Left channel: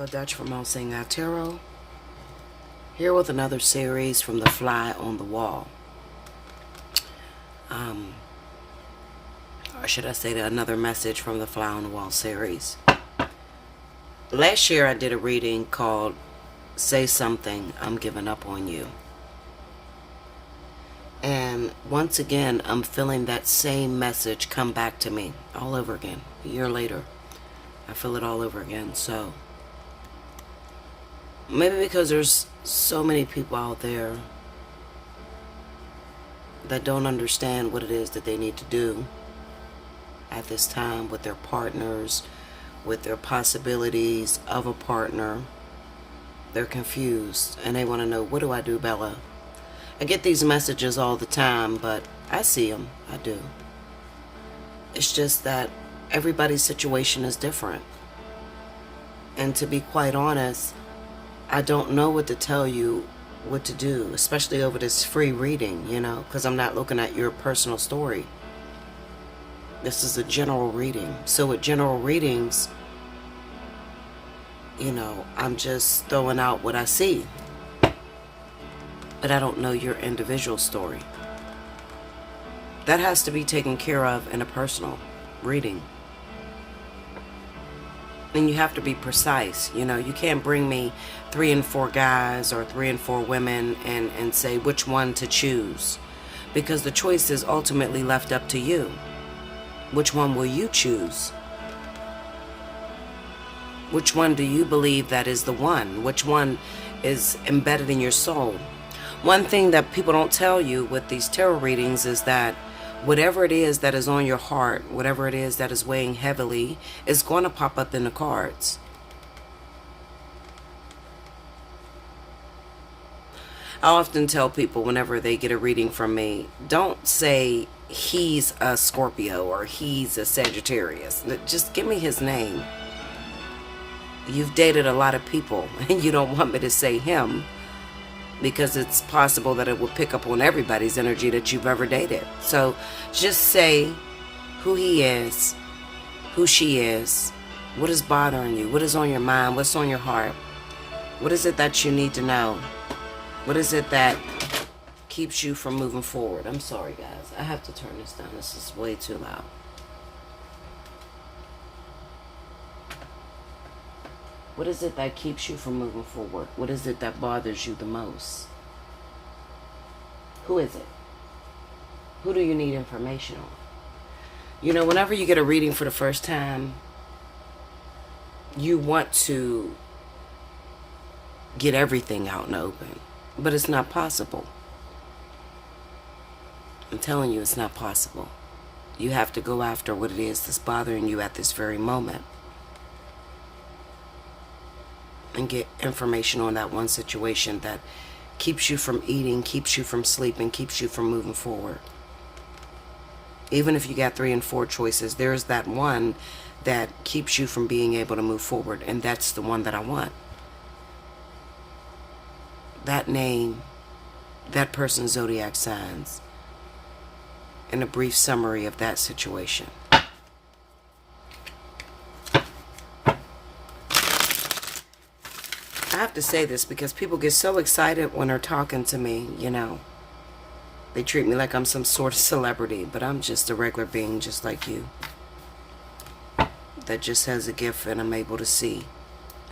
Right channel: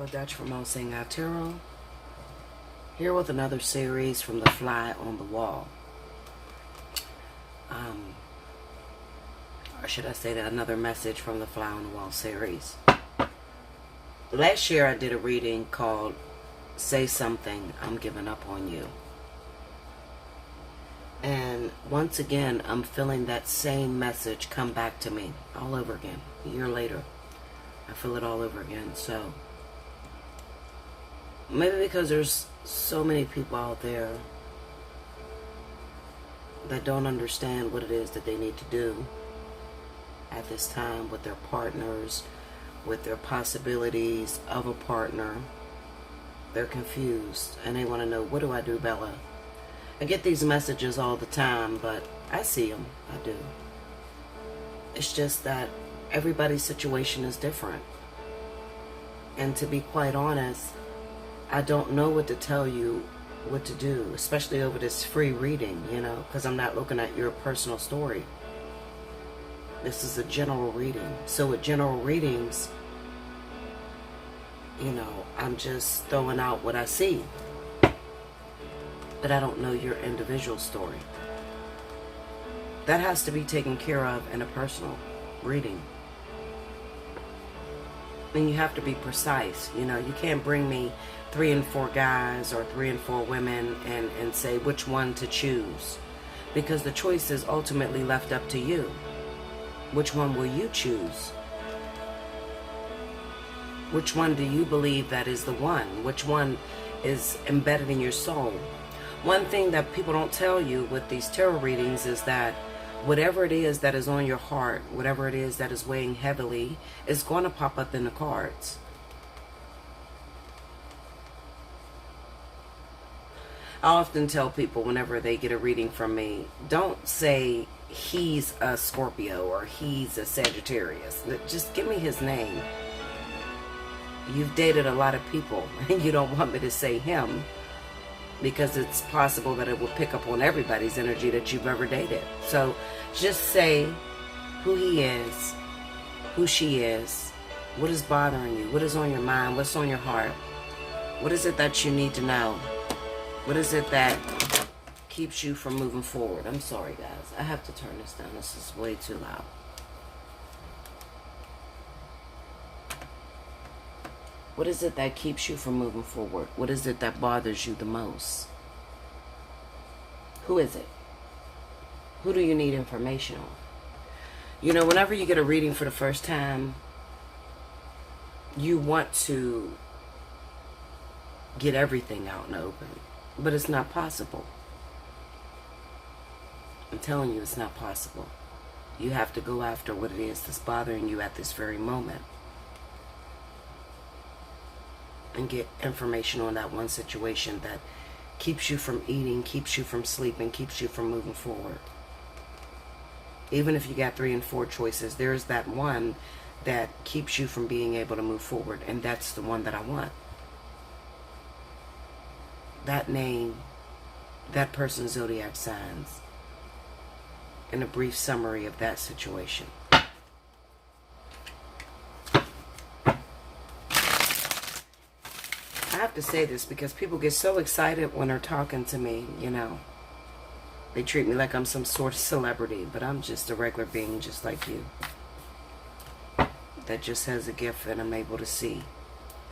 Bella Dutch from Allseeingeyetarot, here with another series from The Fly on the Wall. Or should I say another message from the Fly on the Wall series. Last year I did a reading called Say Something, I'm Giving Up on You. And once again, I'm feeling that same message come back to me all over again. A year later, I feel it all over again. So maybe because there's so many people out there that don't understand what it is that they need to do at this time with their partners, with their possibilities of a partner. They're confused and they want to know, what do I do, Bella? I get these messages all the time, but I see them. I do. It's just that everybody's situation is different. And to be quite honest, I don't know what to tell you what to do, especially over this free reading, because I'm not looking at your personal story. This is a general reading. So with general readings, I'm just throwing out what I see. But I don't know your individual story. That has to be taken care of in a personal reading. And you have to be precise. You can't bring me 3 and 4 guys or 3 and 4 women and say which one to choose. Because the choice is ultimately left up to you. Which one will you choose? Which one do you believe that is the one? Which one is embedded in your soul? One thing that people don't tell you with these tarot readings is that whatever it is that is on your heart, whatever it is that is weighing heavily, is going to pop up in the cards. I often tell people whenever they get a reading from me, don't say he's a Scorpio or he's a Sagittarius. Just give me his name. You've dated a lot of people and you don't want me to say him, because it's possible that it will pick up on everybody's energy that you've ever dated. So just say who he is, who she is, what is bothering you, what is on your mind, what's on your heart, what is it that you need to know, what is it that keeps you from moving forward. I'm sorry guys, I have to turn this down, this is way too loud. What is it that keeps you from moving forward? What is it that bothers you the most? Who is it? Who do you need information on? Whenever you get a reading for the first time, you want to get everything out and open, but it's not possible. I'm telling you, it's not possible. You have to go after what it is that's bothering you at this very moment and get information on that one situation that keeps you from eating, keeps you from sleeping, keeps you from moving forward. Even if you got 3 and 4 choices, there's that one that keeps you from being able to move forward, and that's the one that I want. That name, that person's zodiac signs, and a brief summary of that situation. I have to say this because people get so excited when they're talking to me, They treat me like I'm some sort of celebrity, but I'm just a regular being just like you. That just has a gift and I'm able to see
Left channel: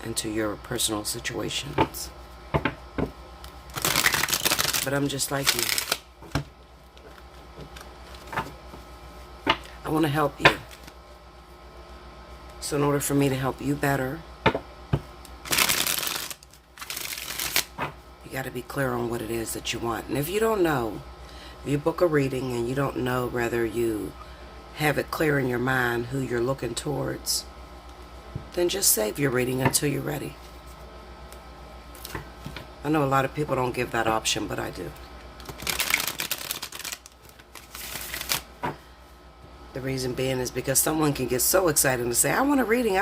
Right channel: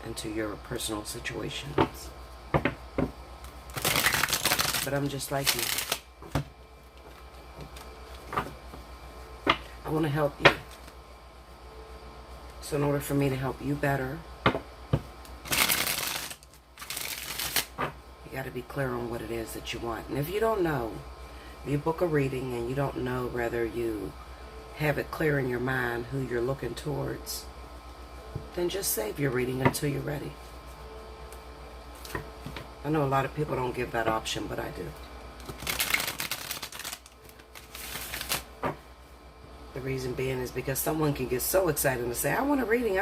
into your personal situations. But I'm just like you. I want to help you. So in order for me to help you better, you got to be clear on what it is that you want. And if you don't know, if you book a reading and you don't know whether you have it clear in your mind who you're looking towards, then just save your reading until you're ready. I know a lot of people don't give that option, but I do. The reason being is because someone can get so excited and say, I want a reading,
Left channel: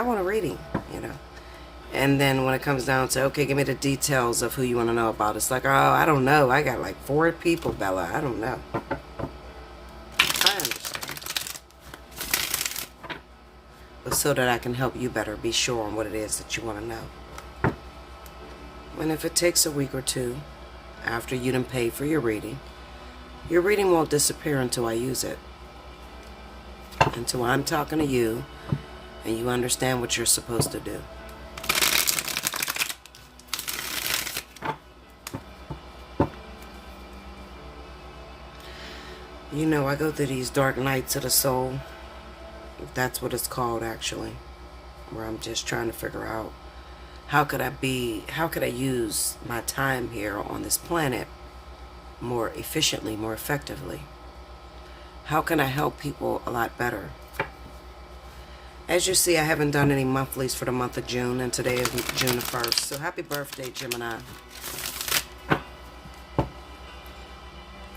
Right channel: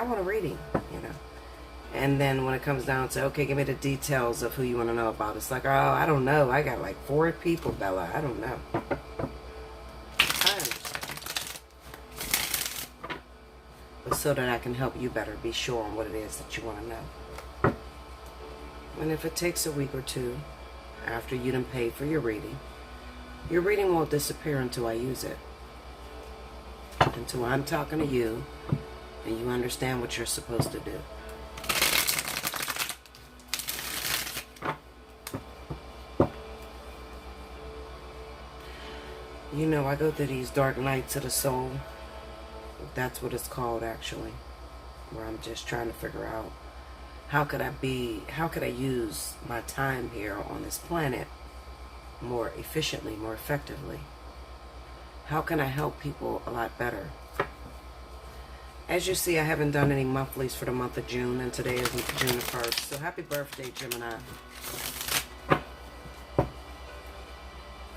And then when it comes down to, okay, give me the details of who you want to know about. It's like, oh, I don't know. I got like 4 people, Bella. I don't know. I understand. But so that I can help you better be sure on what it is that you want to know. And if it takes a week or two after you done paid for your reading won't disappear until I use it. Until I'm talking to you and you understand what you're supposed to do. You know, I go through these dark nights of the soul. That's what it's called, actually. Where I'm just trying to figure out how could I use my time here on this planet more efficiently, more effectively? How can I help people a lot better? As you see, I haven't done any monthlies for the month of June, and today is June 1st. So happy birthday, Gemini.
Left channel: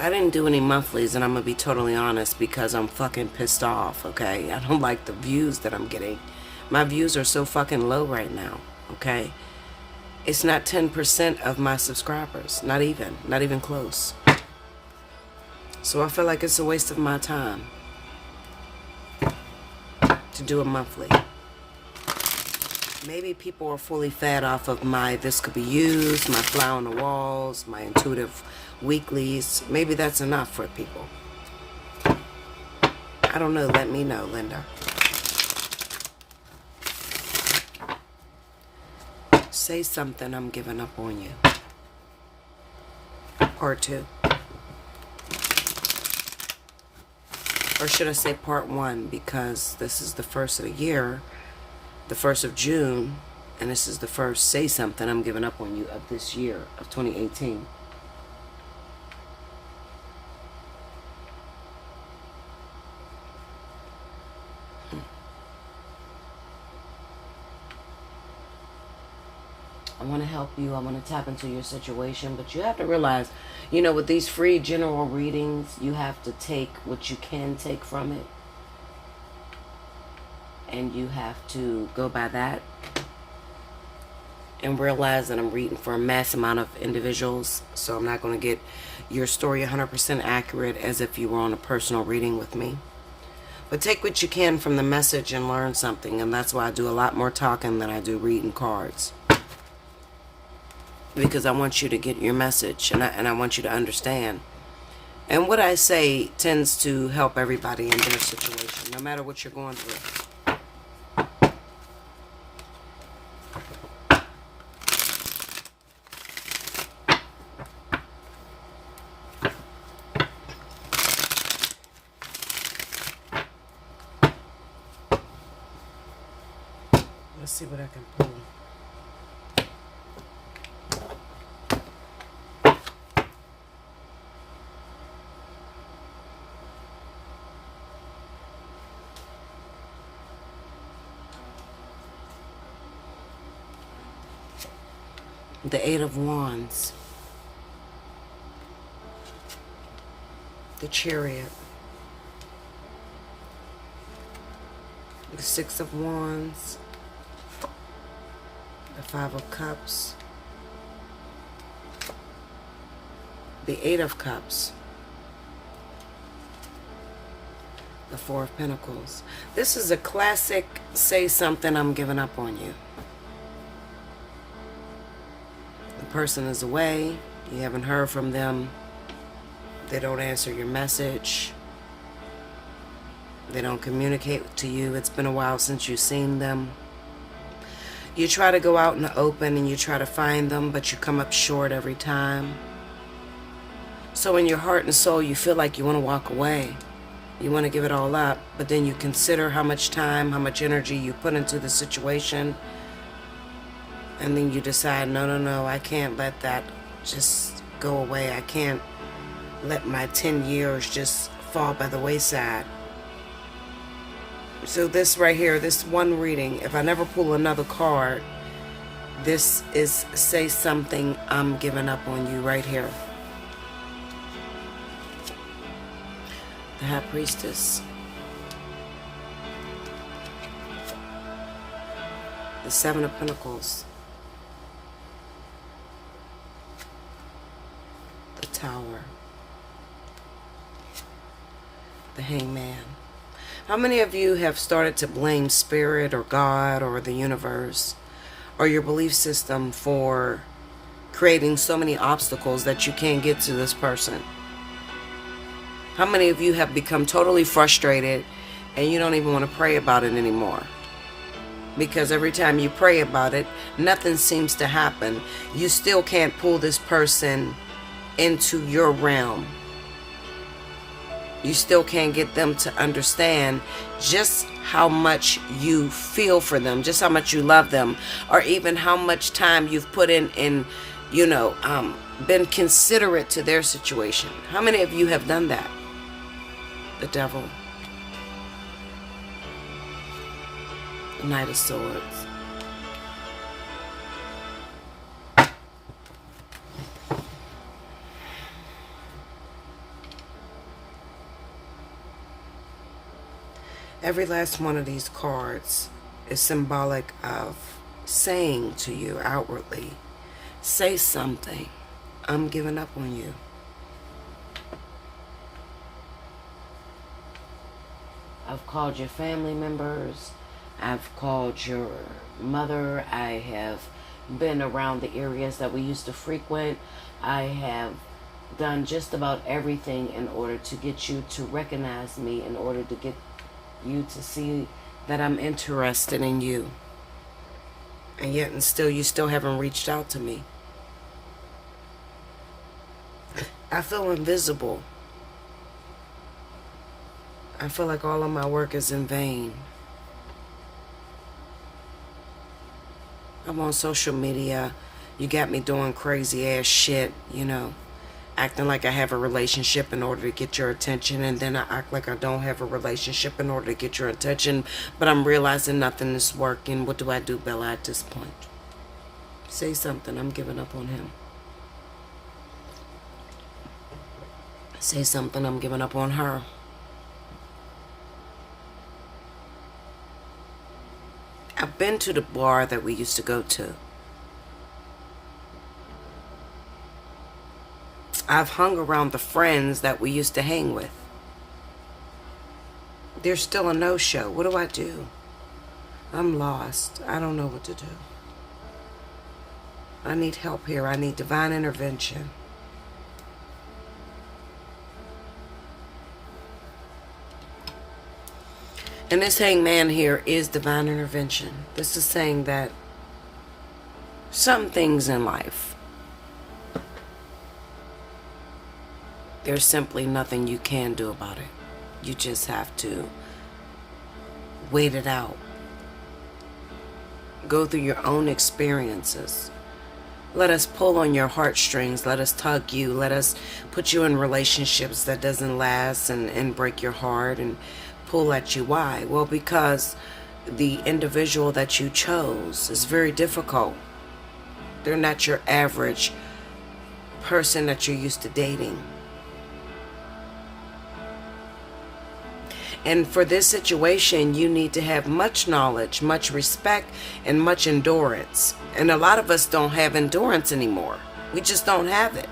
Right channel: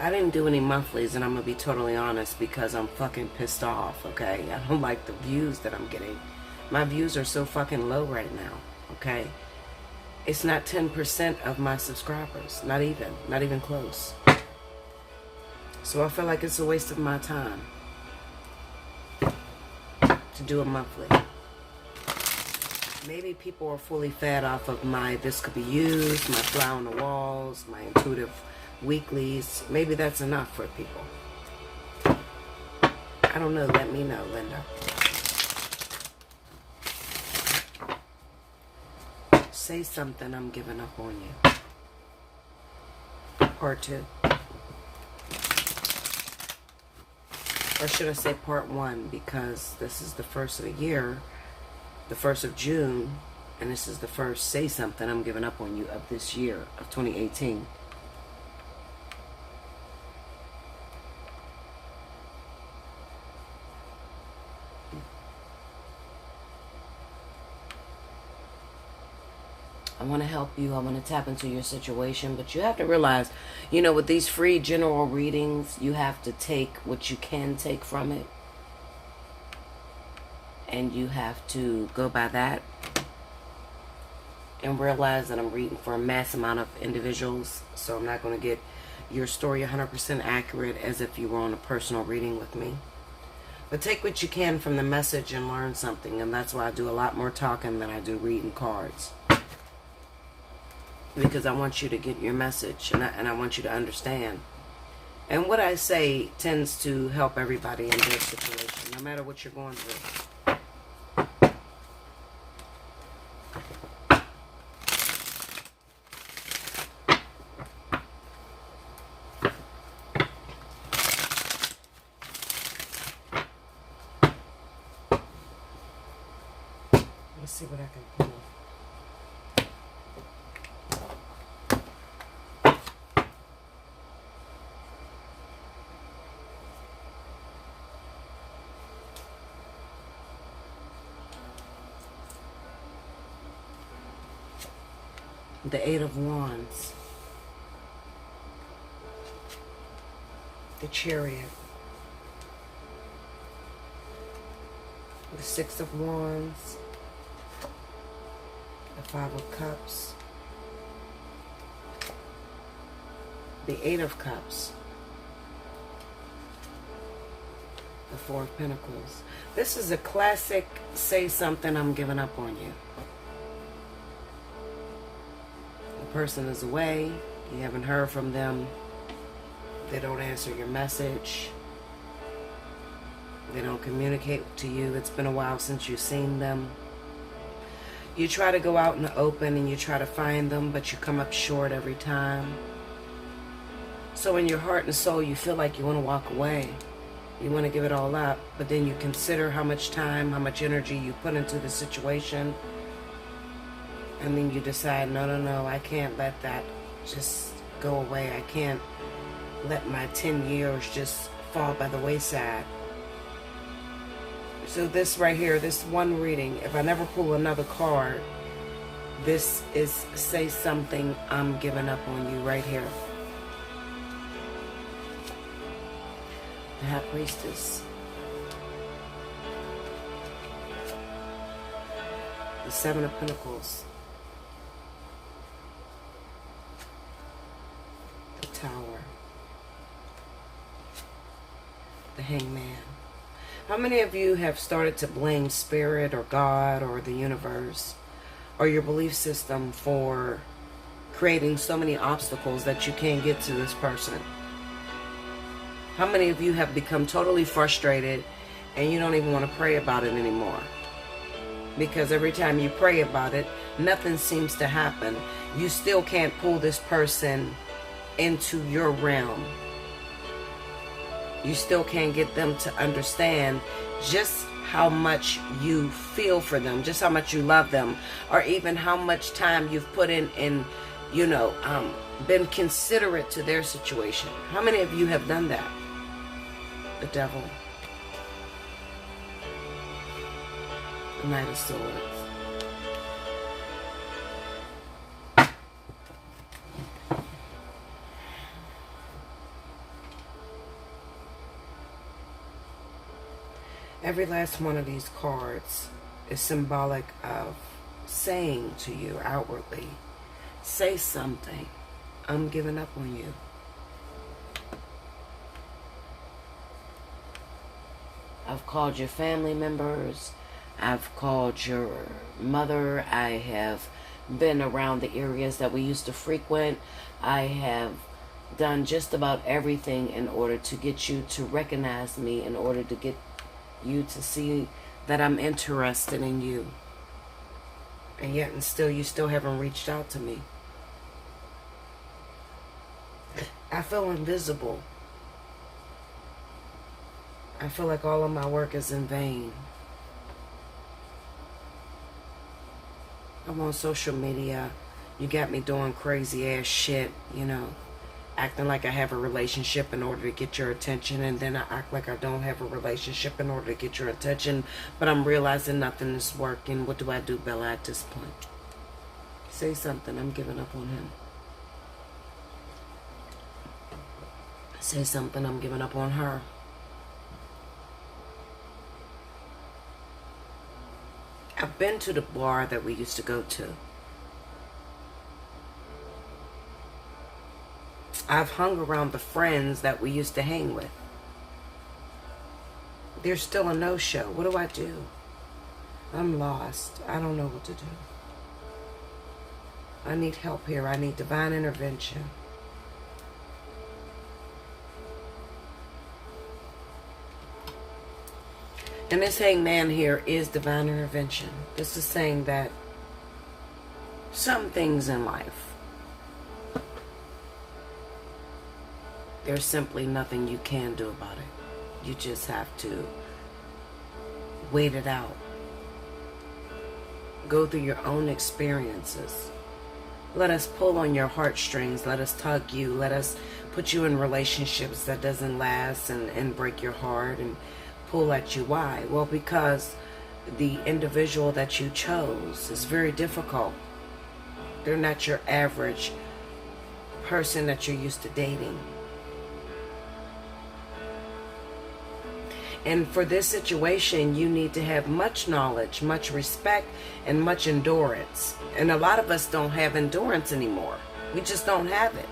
I didn't do any monthlies, and I'm going to be totally honest, because I'm fucking pissed off, okay? I don't like the views that I'm getting. My views are so fucking low right now, okay? It's not 10% of my subscribers. Not even close. So I feel like it's a waste of my time to do a monthly. Maybe people are fully fed off of my This Could Be Used, my Fly on the Walls, my intuitive weeklies. Maybe that's enough for people. I don't know. Let me know, Linda. Say something, I'm giving up on you. Part 2. Or should I say part 1, because this is the first of the year, the 1st of June, and this is the first Say Something I'm giving up on you of this year, of 2018. I want to help you. I want to tap into your situation. But you have to realize, you know, with these free general readings, you have to take what you can take from it. And you have to go by that. And realize that I'm reading for a mass amount of individuals. So I'm not going to get your story 100% accurate as if you were on a personal reading with me. But take what you can from the message and learn something. And that's why I do a lot more talking than I do reading cards. Because I want you to get your message, and I want you to understand. And what I say tends to help everybody in their situation, no matter what you're going through. Let's see what I can pull. The 8 of Wands, the Chariot, the 6 of Wands, the 5 of Cups, the 8 of Cups, the 4 of Pentacles. This is a classic Say Something, I'm giving up on you. Person is away, you haven't heard from them, they don't answer your message, they don't communicate to you, it's been a while since you've seen them. You try to go out in the open and you try to find them, but you come up short every time. So in your heart and soul you feel like you want to walk away, you want to give it all up, but then you consider how much time, how much energy you put into the situation. And then you decide, no, I can't let that just go away. I can't let my 10 years just fall by the wayside. So this right here, this one reading, if I never pull another card, this is Say Something, I'm giving up on you right here. The High Priestess. The 7 of Pentacles. Tower, the Hangman. How many of you have started to blame Spirit or God or the universe or your belief system for creating so many obstacles that you can't get to this person. How many of you have become totally frustrated and you don't even want to pray about it anymore? Because every time you pray about it, nothing seems to happen. You still can't pull this person into your realm. You still can't get them to understand just how much you feel for them, just how much you love them, or even how much time you've put in been considerate to their situation. How many of you have done that? The Devil. The Knight of Swords. Every last one of these cards is symbolic of saying to you outwardly, say something. I'm giving up on you. I've called your family members. I've called your mother. I have been around the areas that we used to frequent. I have done just about everything in order to get you to recognize me, in order to get you to see that I'm interested in you. And yet and still, you still haven't reached out to me. I feel invisible. I feel like all of my work is in vain. I'm on social media. You got me doing crazy ass shit, acting like I have a relationship in order to get your attention, and then I act like I don't have a relationship in order to get your attention, but I'm realizing nothing is working. What do I do, Bella, at this point? Say something. I'm giving up on him. Say something. I'm giving up on her. I've been to the bar that we used to go to. I've hung around the friends that we used to hang with. There's still a no-show. What do I do? I'm lost. I don't know what to do. I need help here. I need divine intervention. And this hangman here is divine intervention. This is saying that some things in life, there's simply nothing you can do about it. You just have to wait it out. Go through your own experiences. Let us pull on your heartstrings. Let us tug you. Let us put you in relationships that doesn't last and break your heart and pull at you. Why? Well, because the individual that you chose is very difficult. They're not your average person that you're used to dating. And for this situation, you need to have much knowledge, much respect, and much endurance. And a lot of us don't have endurance anymore. We just don't have it.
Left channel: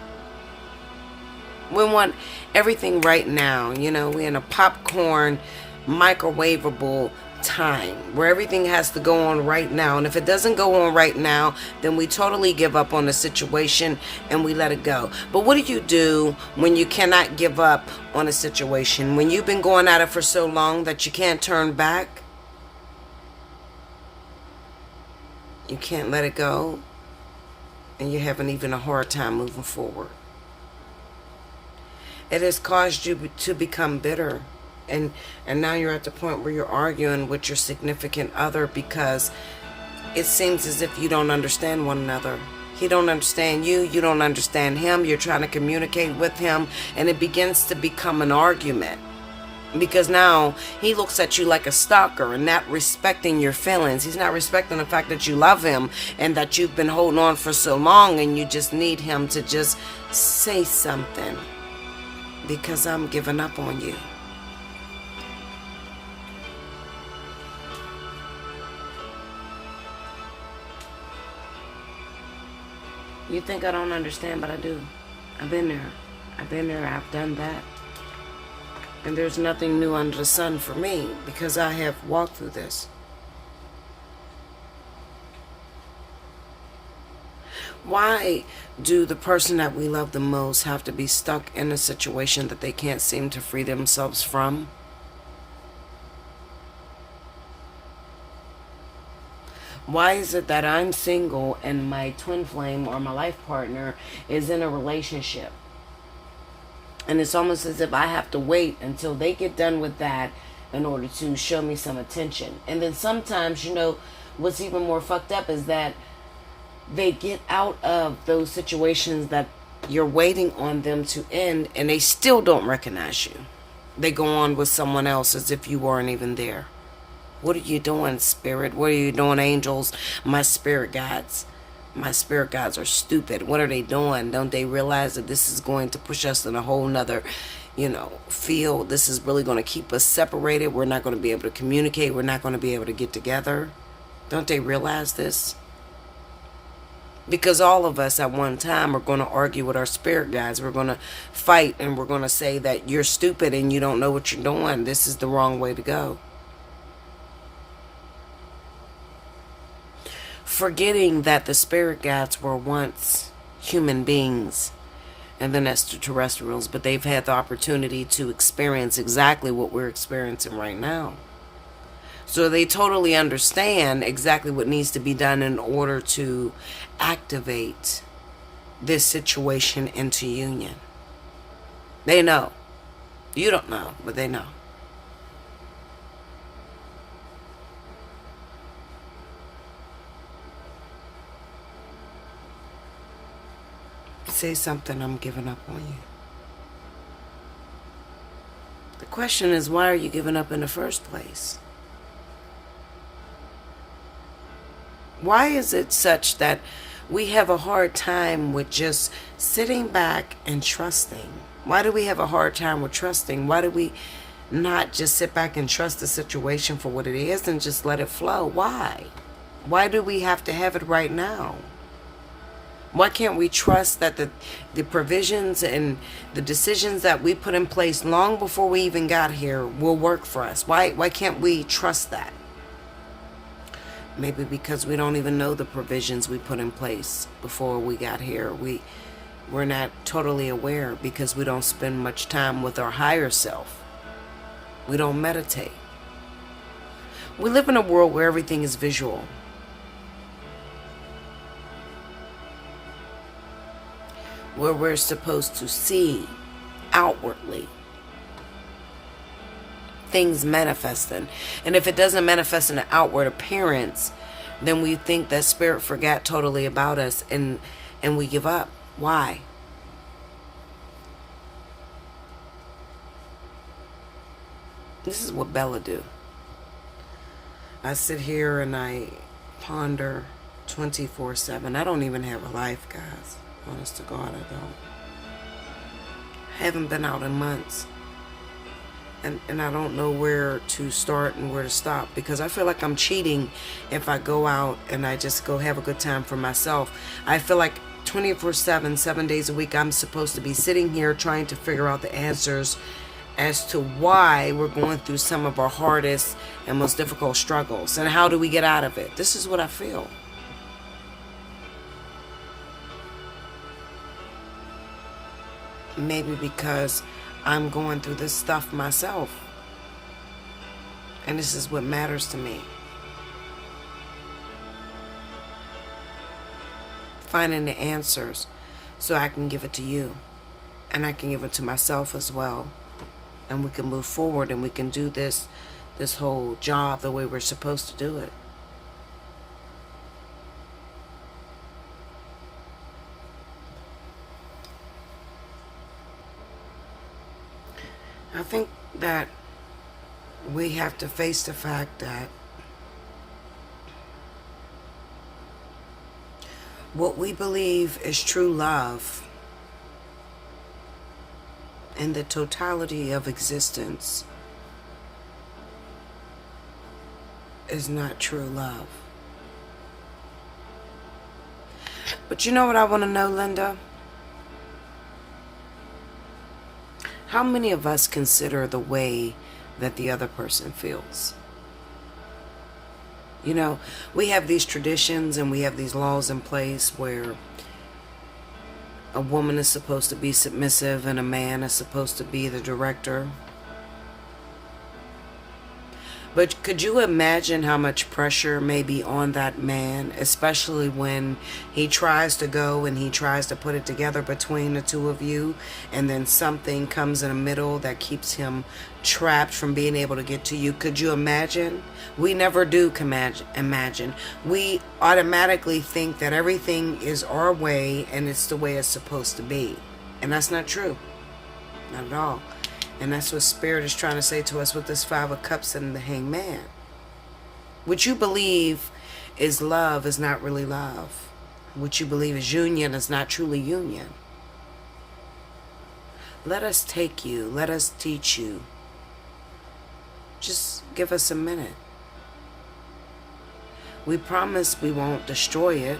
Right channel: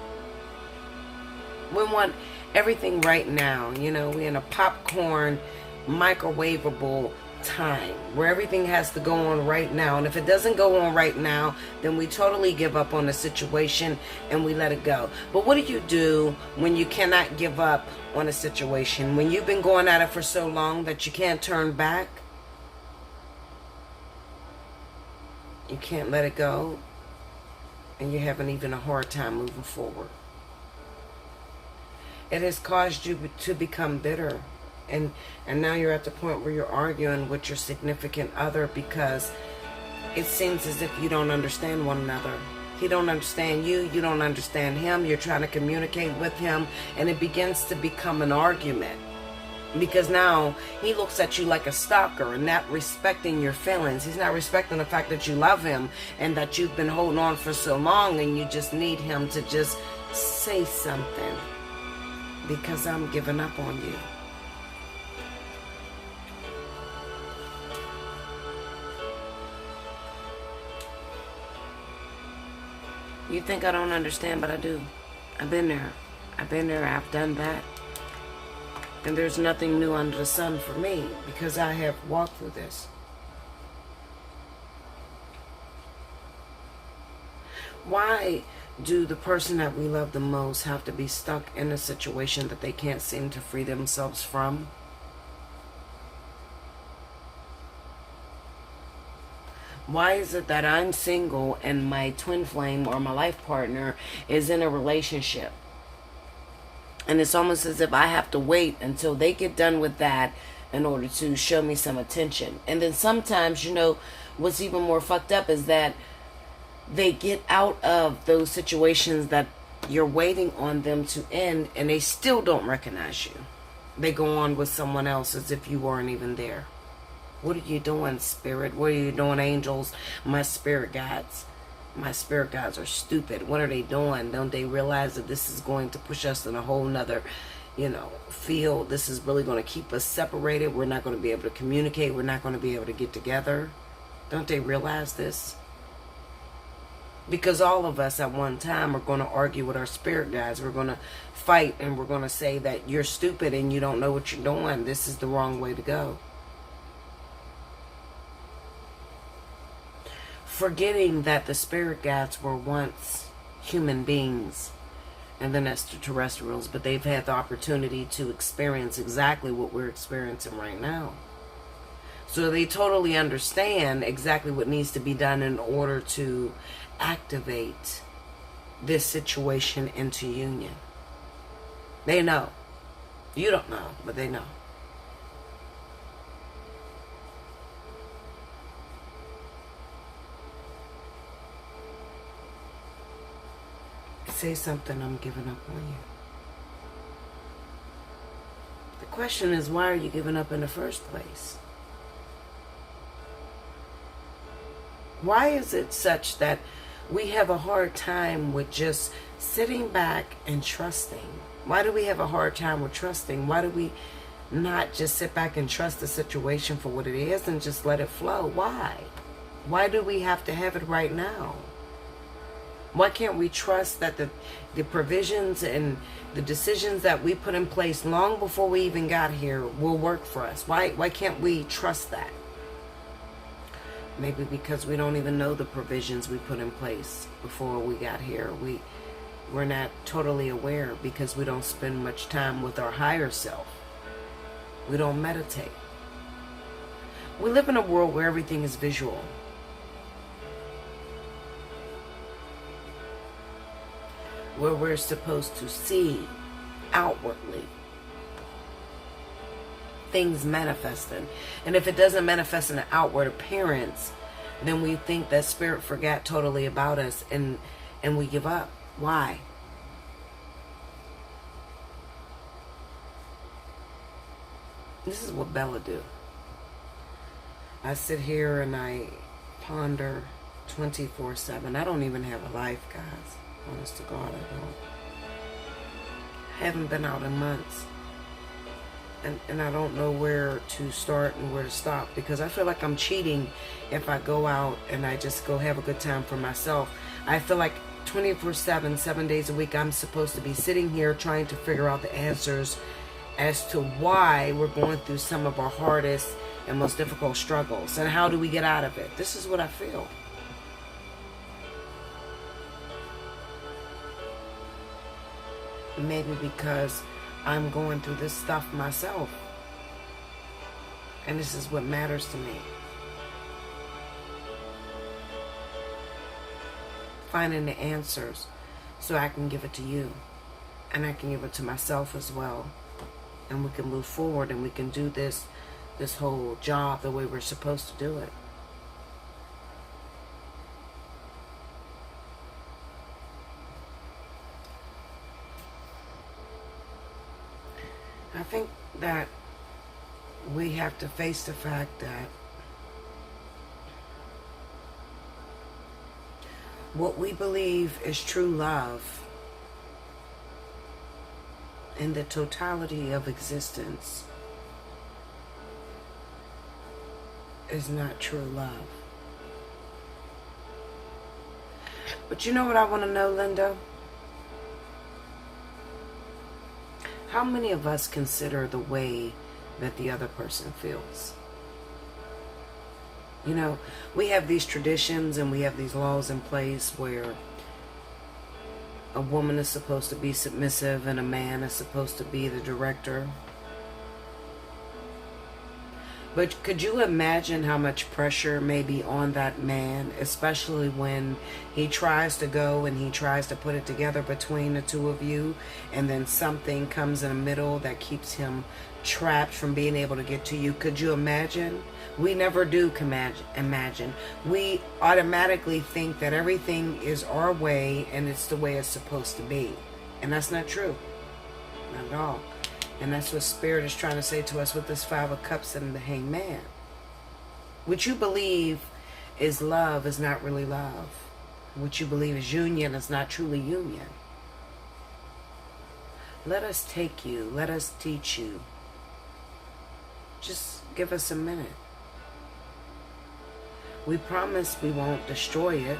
We want everything right now. We're in a popcorn, microwavable time where everything has to go on right now. And if it doesn't go on right now, then we totally give up on the situation and we let it go. But what do you do when you cannot give up on a situation? When you've been going at it for so long that you can't turn back? You can't let it go, and you're having even a hard time moving forward. It has caused you to become bitter. And now you're at the point where you're arguing with your significant other because it seems as if you don't understand one another. He don't understand you. You don't understand him. You're trying to communicate with him, and it begins to become an argument. Because now he looks at you like a stalker and not respecting your feelings. He's not respecting the fact that you love him and that you've been holding on for so long, and you just need him to just say something. Because I'm giving up on you. You think I don't understand, but I do. I've been there. I've done that. And there's nothing new under the sun for me because I have walked through this. Why do the person that we love the most have to be stuck in a situation that they can't seem to free themselves from? Why is it that I'm single and my twin flame or my life partner is in a relationship? And it's almost as if I have to wait until they get done with that in order to show me some attention. And then sometimes, what's even more fucked up is that they get out of those situations that you're waiting on them to end, and they still don't recognize you. They go on with someone else as if you weren't even there. What are you doing, spirit? What are you doing, angels? My spirit guides. My spirit guides are stupid. What are they doing? Don't they realize that this is going to push us in a whole nother, field? This is really going to keep us separated. We're not going to be able to communicate. We're not going to be able to get together. Don't they realize this? Because all of us at one time are going to argue with our spirit guides. We're going to fight, and we're going to say that you're stupid and you don't know what you're doing. This is the wrong way to go. Forgetting that the spirit guides were once human beings and then extraterrestrials, but they've had the opportunity to experience exactly what we're experiencing right now. So they totally understand exactly what needs to be done in order to activate this situation into union. They know. You don't know, but they know. Say something, I'm giving up on you. The question is, why are you giving up in the first place? Why is it such that we have a hard time with just sitting back and trusting? Why do we have a hard time with trusting? Why do we not just sit back and trust the situation for what it is and just let it flow? Why? Why do we have to have it right now? Why can't we trust that the provisions and the decisions that we put in place long before we even got here will work for us? Why can't we trust that? Maybe because we don't even know the provisions we put in place before we got here. We're not totally aware because we don't spend much time with our higher self. We don't meditate. We live in a world where everything is visual. Where we're supposed to see outwardly things manifesting. And if it doesn't manifest in an outward appearance, then we think that spirit forgot totally about us and we give up. Why? This is what Bella do. I sit here and I ponder 24/7. I don't even have a life, guys. Honest to God, I don't. I haven't been out in months. And I don't know where to start and where to stop, because I feel like I'm cheating if I go out and I just go have a good time for myself. I feel like 24/7, 7 days a week, I'm supposed to be sitting here trying to figure out the answers as to why we're going through some of our hardest and most difficult struggles. And how do we get out of it? This is what I feel. Maybe because I'm going through this stuff myself. And this is what matters to me. Finding the answers so I can give it to you. And I can give it to myself as well. And we can move forward and we can do this whole job the way we're supposed to do it. I think that we have to face the fact that what we believe is true love in the totality of existence is not true love. But you know what I want to know, Linda? How many of us consider the way that the other person feels? You know, we have these traditions and we have these laws in place where A woman is supposed to be submissive and a man is supposed to be the director. But could you imagine how much pressure may be on that man, especially when he tries to go and he tries to put it together between the two of you, and then something comes in the middle that keeps him trapped from being able to get to you? Could you imagine? We never do imagine. We automatically think that everything is our way and it's the way it's supposed to be. And that's not true. Not at all. And that's what Spirit is trying to say to us with this Five of Cups and the Hangman. What you believe is love is not really love. What you believe is union is not truly union. Let us take you. Let us teach you. Just give us a minute. We promise we won't destroy it.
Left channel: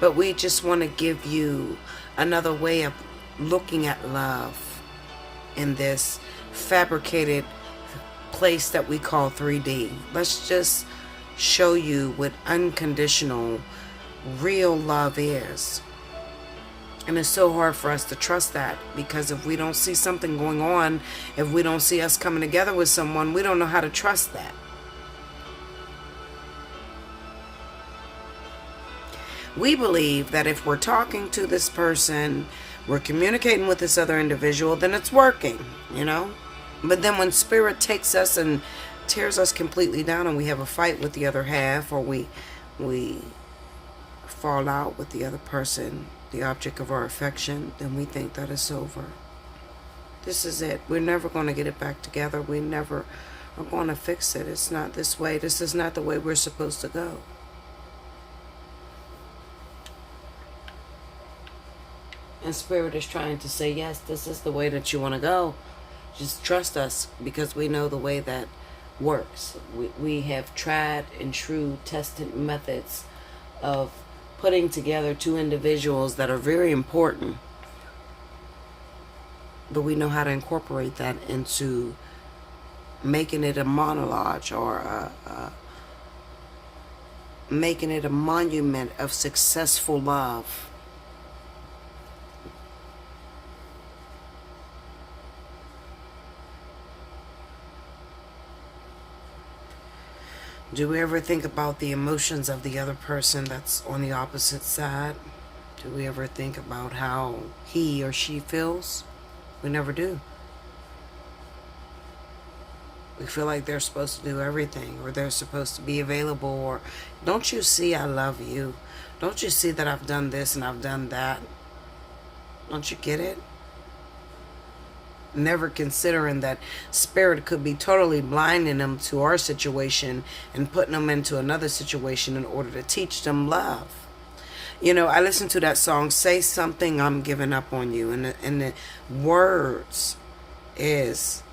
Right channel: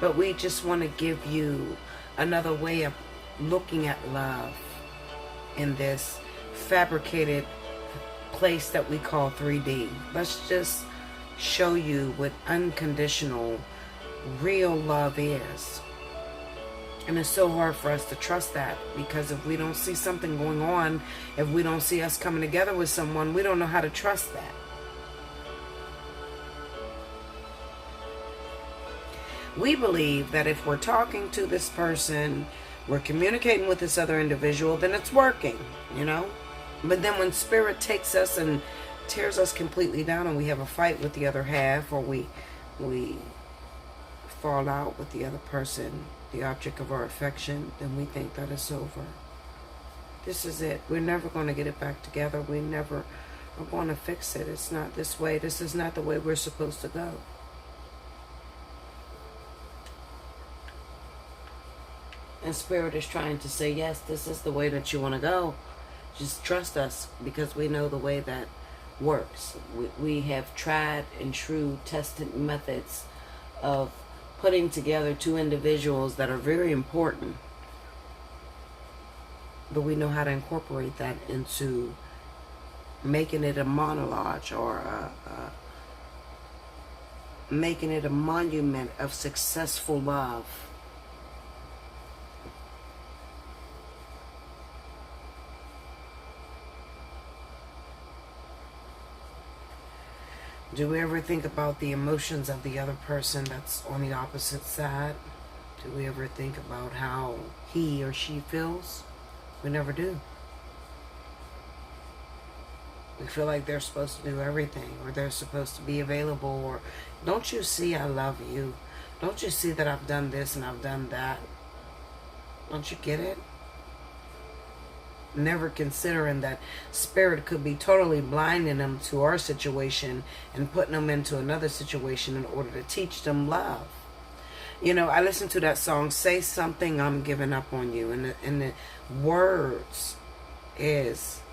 But we just want to give you another way of looking at love in this fabricated place that we call 3D. Let's just show you what unconditional, real love is. And it's so hard for us to trust that, because if we don't see something going on, if we don't see us coming together with someone, we don't know how to trust that. We believe that if we're talking to this person, we're communicating with this other individual, then it's working, you know? But then when Spirit takes us and tears us completely down and we have a fight with the other half, or we fall out with the other person, the object of our affection, then we think that it's over. This is it. We're never going to get it back together. We never are going to fix it. It's not this way. This is not the way we're supposed to go. And Spirit is trying to say, yes, this is the way that you want to go. Just trust us, because we know the way that works. We have tried and true tested methods of putting together two individuals that are very important. But we know how to incorporate that into making it a monologue, or making it a monument of successful love. Do we ever think about the emotions of the other person that's on the opposite side? Do we ever think about how he or she feels? We never do. We feel like they're supposed to do everything, or they're supposed to be available, or don't you see I love you? Don't you see that I've done this and I've done that? Don't you get it? Never considering that Spirit could be totally blinding them to our situation and putting them into another situation in order to teach them love. You know, I listened to that song, Say Something, I'm Giving Up on You. And the words is,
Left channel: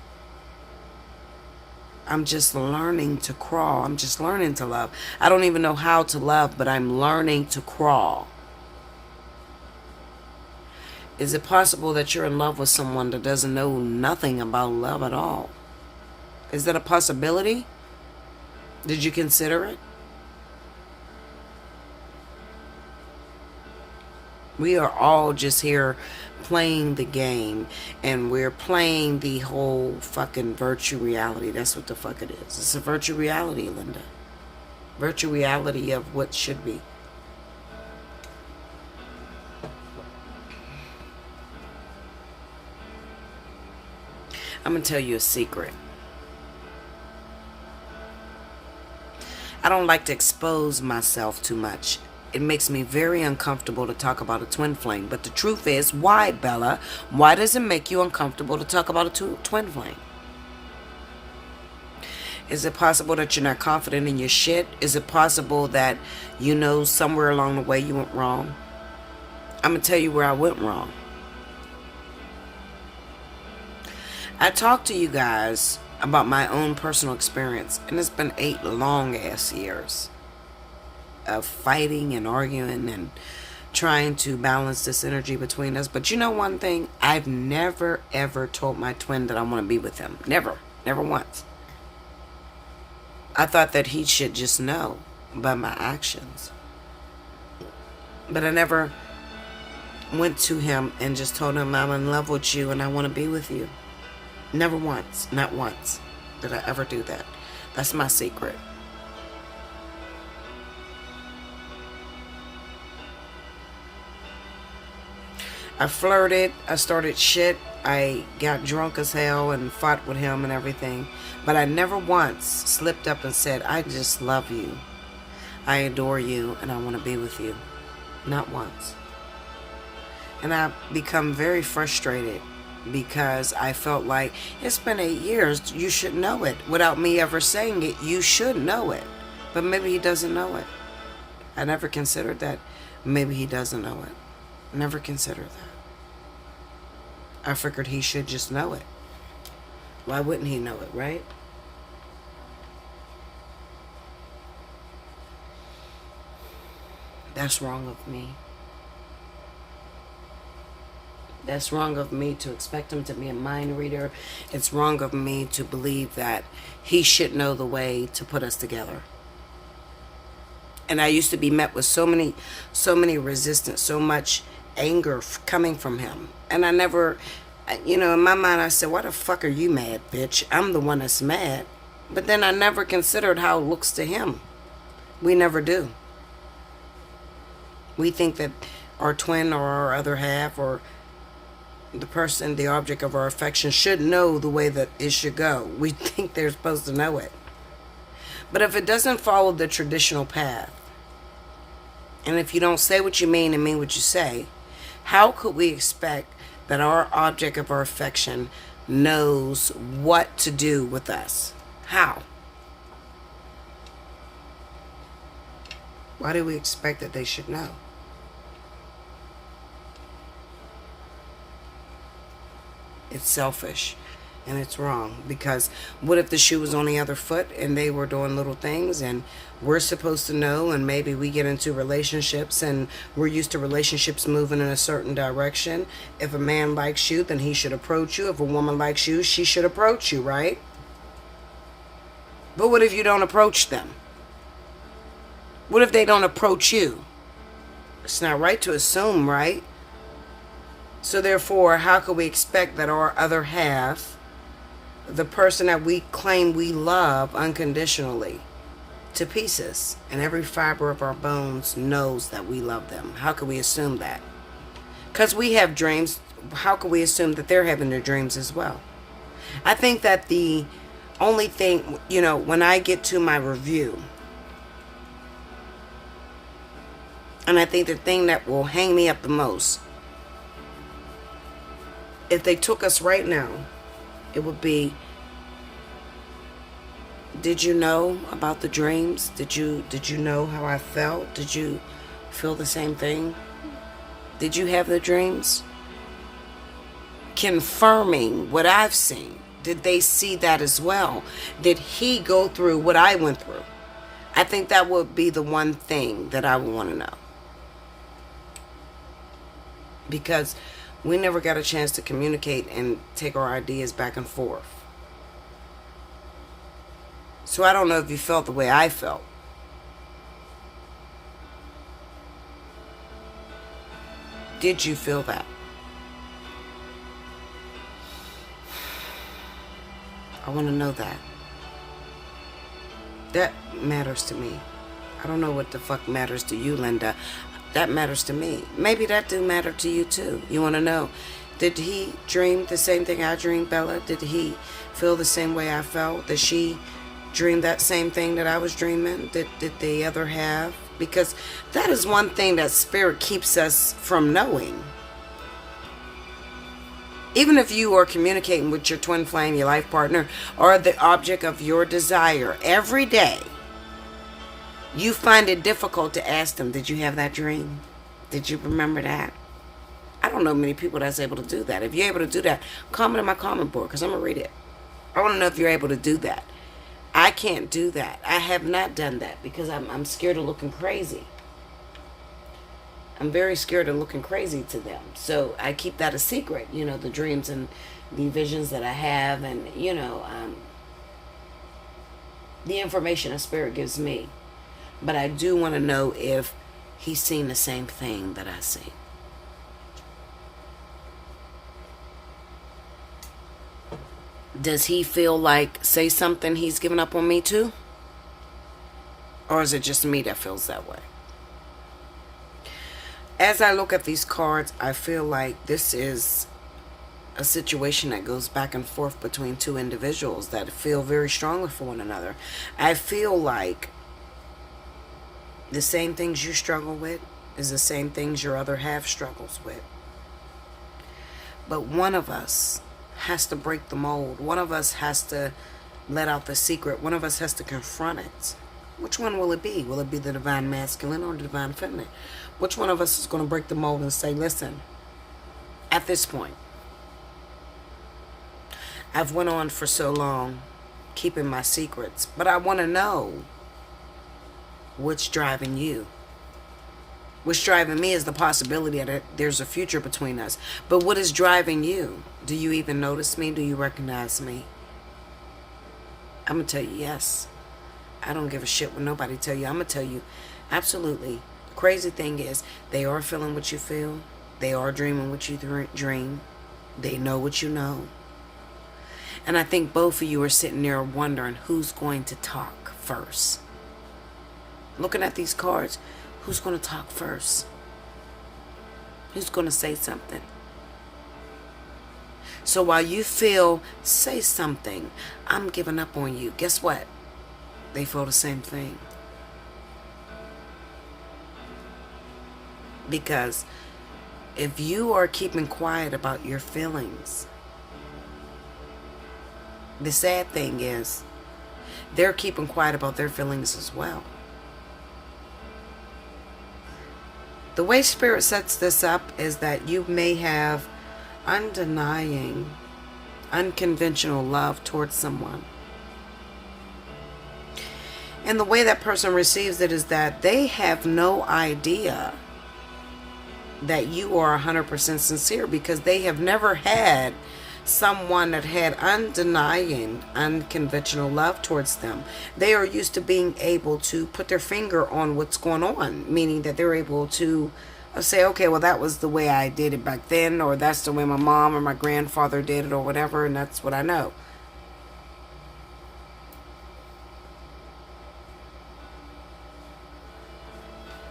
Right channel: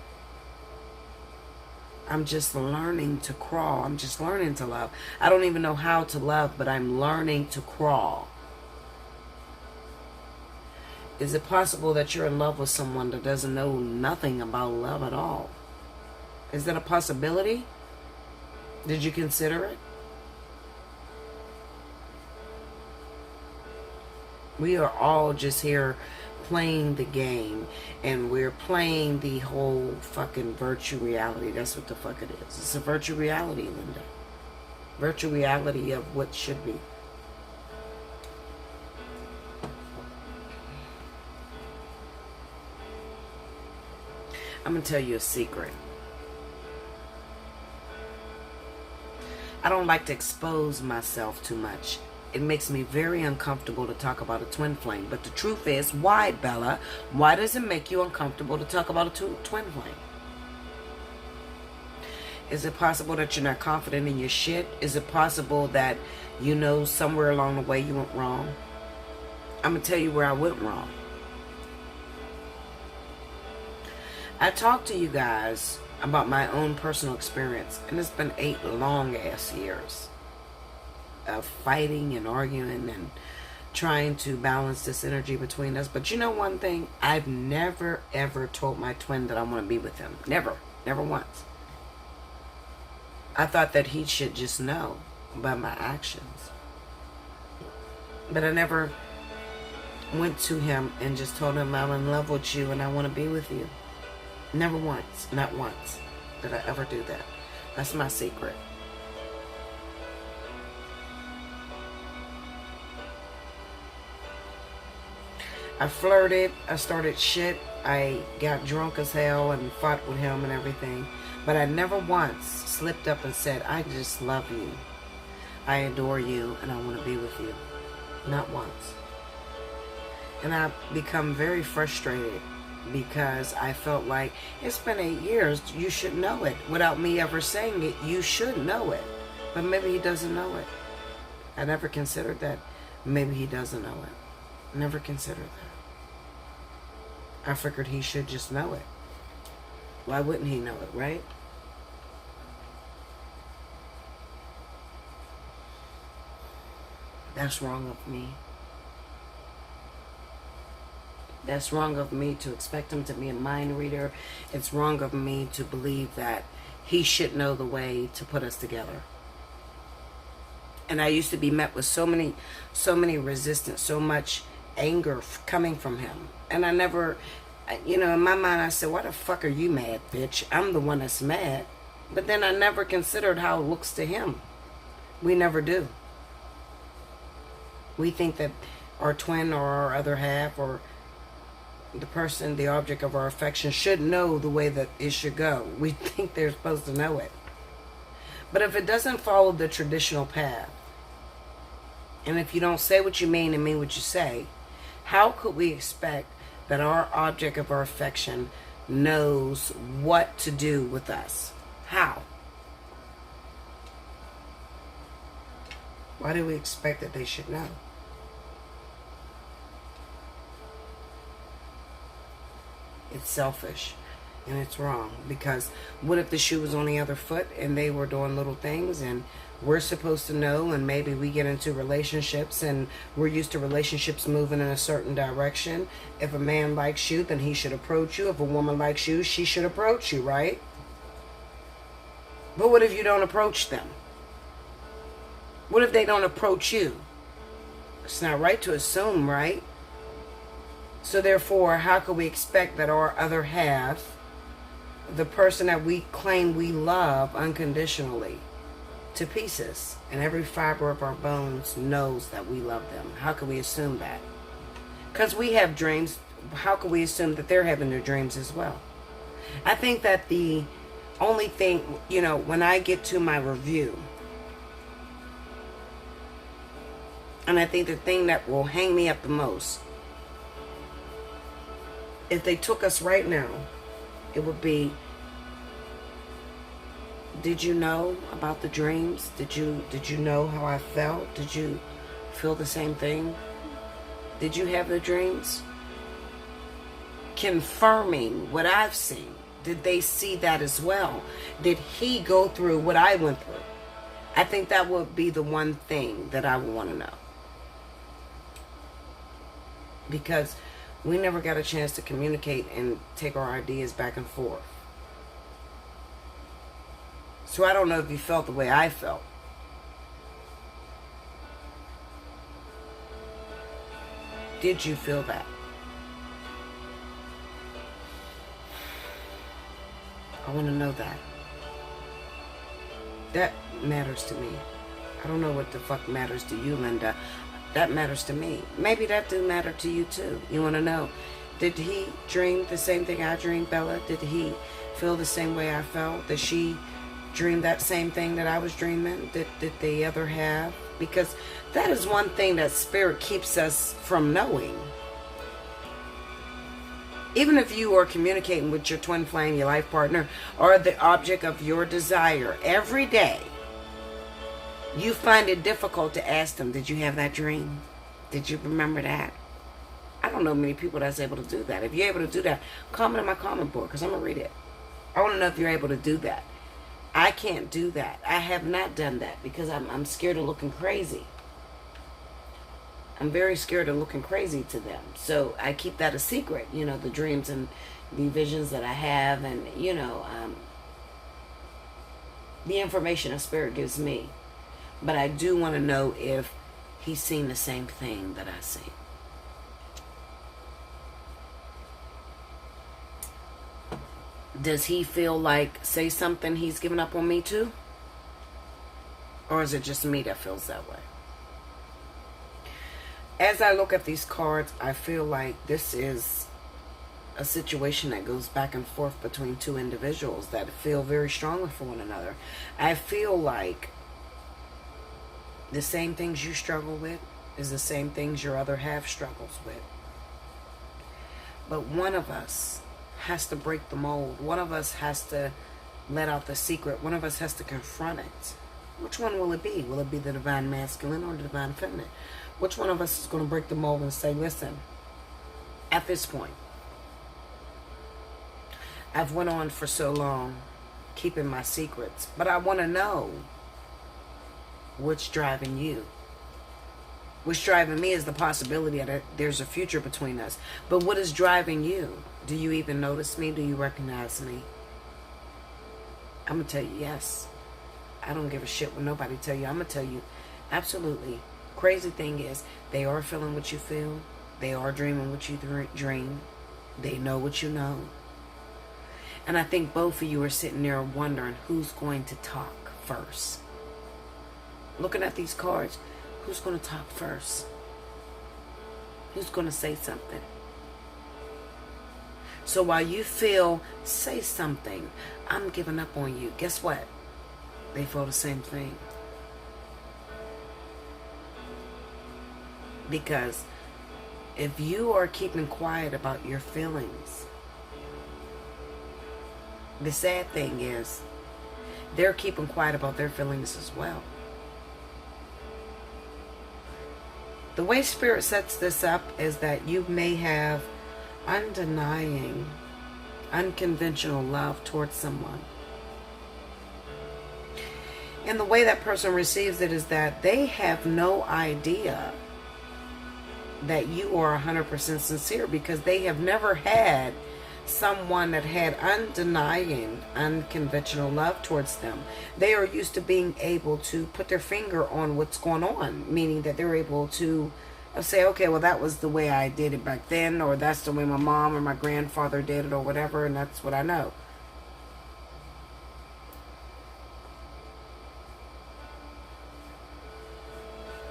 I'm just learning to crawl. I'm just learning to love. I don't even know how to love, but I'm learning to crawl. Is it possible that you're in love with someone that doesn't know nothing about love at all? Is that a possibility? Did you consider it? We are all just here playing the game, and we're playing the whole fucking virtual reality. That's what the fuck it is. It's a virtual reality, Linda. Virtual reality of what should be. I'm going to tell you a secret. I don't like to expose myself too much. It makes me very uncomfortable to talk about a twin flame. But the truth is, why, Bella? Why does it make you uncomfortable to talk about a twin flame? Is it possible that you're not confident in your shit? Is it possible that you know somewhere along the way you went wrong? I'm going to tell you where I went wrong. I talked to you guys about my own personal experience, and it's been 8 long-ass years of fighting and arguing and trying to balance this energy between us. But you know one thing? I've never, ever told my twin that I want to be with him. Never. Never once. I thought that he should just know by my actions. But I never went to him and just told him, I'm in love with you and I want to be with you. Never once, not once, did I ever do that. That's my secret. I flirted, I started shit, I got drunk as hell and fought with him and everything. But I never once slipped up and said, I just love you. I adore you and I want to be with you. Not once. And I've become very frustrated because I felt like it's been 8 years, you should know it. Without me ever saying it, you should know it. But maybe he doesn't know it. I never considered that. Maybe he doesn't know it. Never considered that. I figured he should just know it. Why wouldn't he know it, right? That's wrong of me. That's wrong of me to expect him to be a mind reader. It's wrong of me to believe that he should know the way to put us together. And I used to be met with so many resistance, so much anger coming from him. And I never, in my mind I said, why the fuck are you mad, bitch? I'm the one that's mad. But then I never considered how it looks to him. We never do. We think that our twin or our other half or the person, the object of our affection should know the way that it should go. We think they're supposed to know it. But if it doesn't follow the traditional path, and if you don't say what you mean and mean what you say, how could we expect that our object of our affection knows what to do with us? How? Why do we expect that they should know? It's selfish and it's wrong, because what if the shoe was on the other foot and they were doing little things and we're supposed to know, and maybe we get into relationships and we're used to relationships moving in a certain direction. If a man likes you, then he should approach you. If a woman likes you, she should approach you, right? But what if you don't approach them? What if they don't approach you? It's not right to assume, right? So therefore, how could we expect that our other half, the person that we claim we love unconditionally, to pieces, and every fiber of our bones knows that we love them? How could we assume that? Because we have dreams. How could we assume that they're having their dreams as well? I think that the only thing, when I get to my review, and I think the thing that will hang me up the most, if they took us right now, it would be, did you know about the dreams? Did you know how I felt? Did you feel the same thing? Did you have the dreams? Confirming what I've seen. Did they see that as well? Did he go through what I went through? I think that would be the one thing that I would want to know. Because we never got a chance to communicate and take our ideas back and forth. So I don't know if you felt the way I felt. Did you feel that? I want to know that. That matters to me. I don't know what the fuck matters to you, Linda. That matters to me. Maybe that do matter to you too. You want to know, did he dream the same thing I dreamed, Bella? Did he feel the same way I felt? Did she dream that same thing that I was dreaming? Did the other have? Because that is one thing that spirit keeps us from knowing. Even if you are communicating with your twin flame, your life partner, or the object of your desire every day, you find it difficult to ask them, did you have that dream? Did you remember that? I don't know many people that's able to do that. If you're able to do that, comment in my comment board, because I'm going to read it. I want to know if you're able to do that. I can't do that. I have not done that because I'm scared of looking crazy. I'm very scared of looking crazy to them. So I keep that a secret, the dreams and the visions that I have, and, the information a spirit gives me. But I do want to know if he's seen the same thing that I see. Does he feel like, say something, he's giving up on me too? Or is it just me that feels that way? As I look at these cards, I feel like this is a situation that goes back and forth between two individuals that feel very strongly for one another. I feel like the same things you struggle with is the same things your other half struggles with. But one of us has to break the mold. One of us has to let out the secret. One of us has to confront it. Which one will it be? Will it be the divine masculine or the divine feminine? Which one of us is going to break the mold and say, listen, at this point, I've went on for so long keeping my secrets, but I want to know what's driving you. What's driving me is the possibility that there's a future between us. But what is driving you? Do you even notice me? Do you recognize me? I'm going to tell you yes. I don't give a shit what nobody tell you. I'm going to tell you absolutely. Crazy thing is, they are feeling what you feel. They are dreaming what you dream. They know what you know. And I think both of you are sitting there wondering who's going to talk first. Looking at these cards, who's going to talk first? Who's going to say something? So while you feel, say something, I'm giving up on you, guess what? They feel the same thing. Because if you are keeping quiet about your feelings, the sad thing is they're keeping quiet about their feelings as well. The way Spirit sets this up is that you may have undenying, unconventional love towards someone. And the way that person receives it is that they have no idea that you are 100% sincere, because they have never had someone that had undenying, unconventional love towards them. They are used to being able to put their finger on what's going on, meaning that they're able to say, okay, well, that was the way I did it back then, or that's the way my mom or my grandfather did it, or whatever, and that's what I know.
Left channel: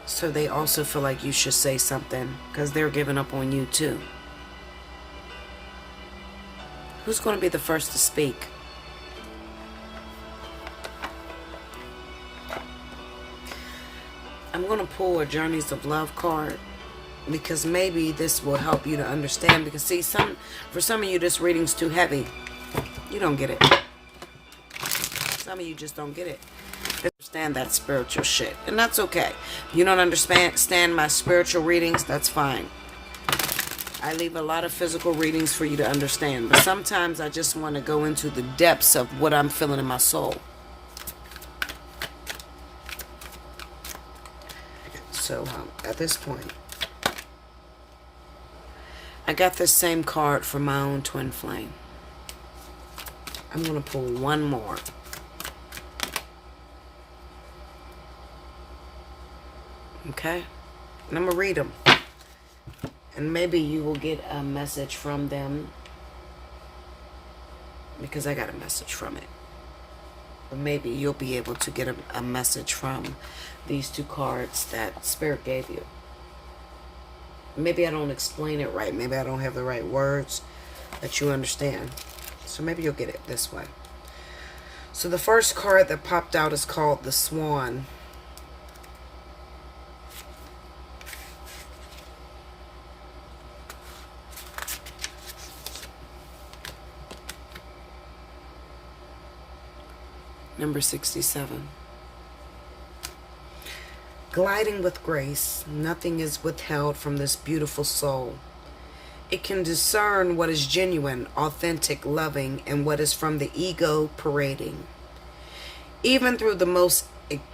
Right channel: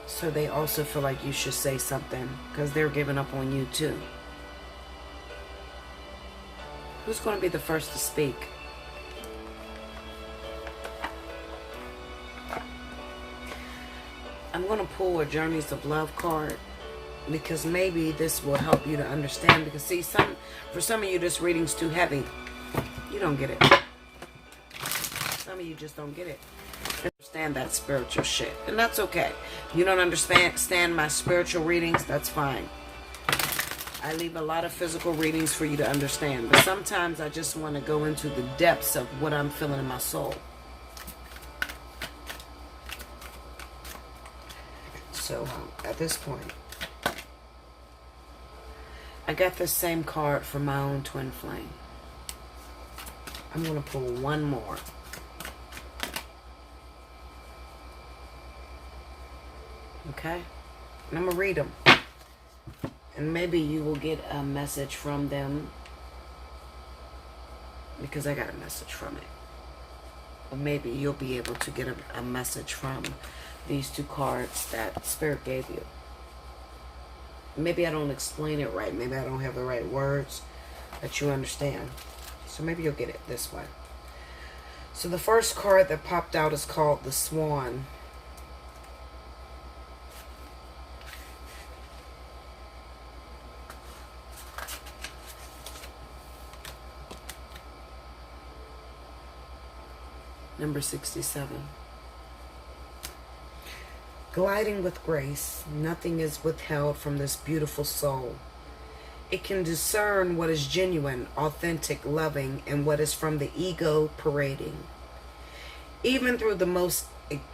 So they also feel like you should say something because they're giving up on you too. Who's going to be the first to speak? I'm going to pull a Journeys of Love card because maybe this will help you to understand. Because see, for some of you, this reading's too heavy. You don't get it. Some of you just don't get it. Understand that spiritual shit, and that's okay. If you don't understand my spiritual readings, that's fine. I leave a lot of physical readings for you to understand, but sometimes I just want to go into the depths of what I'm feeling in my soul. So at this point, I got this same card from my own twin flame. I'm going to pull one more. Okay? And I'm going to read them. And maybe you will get a message from them, because I got a message from it. Or maybe you'll be able to get a message from these two cards that Spirit gave you. Maybe I don't explain it right. Maybe I don't have the right words that you understand. So maybe you'll get it this way. So the first card that popped out is called the Swan. Number 67. Gliding with grace, nothing is withheld from this beautiful soul. It can discern what is genuine, authentic, loving, and what is from the ego parading. Even through the most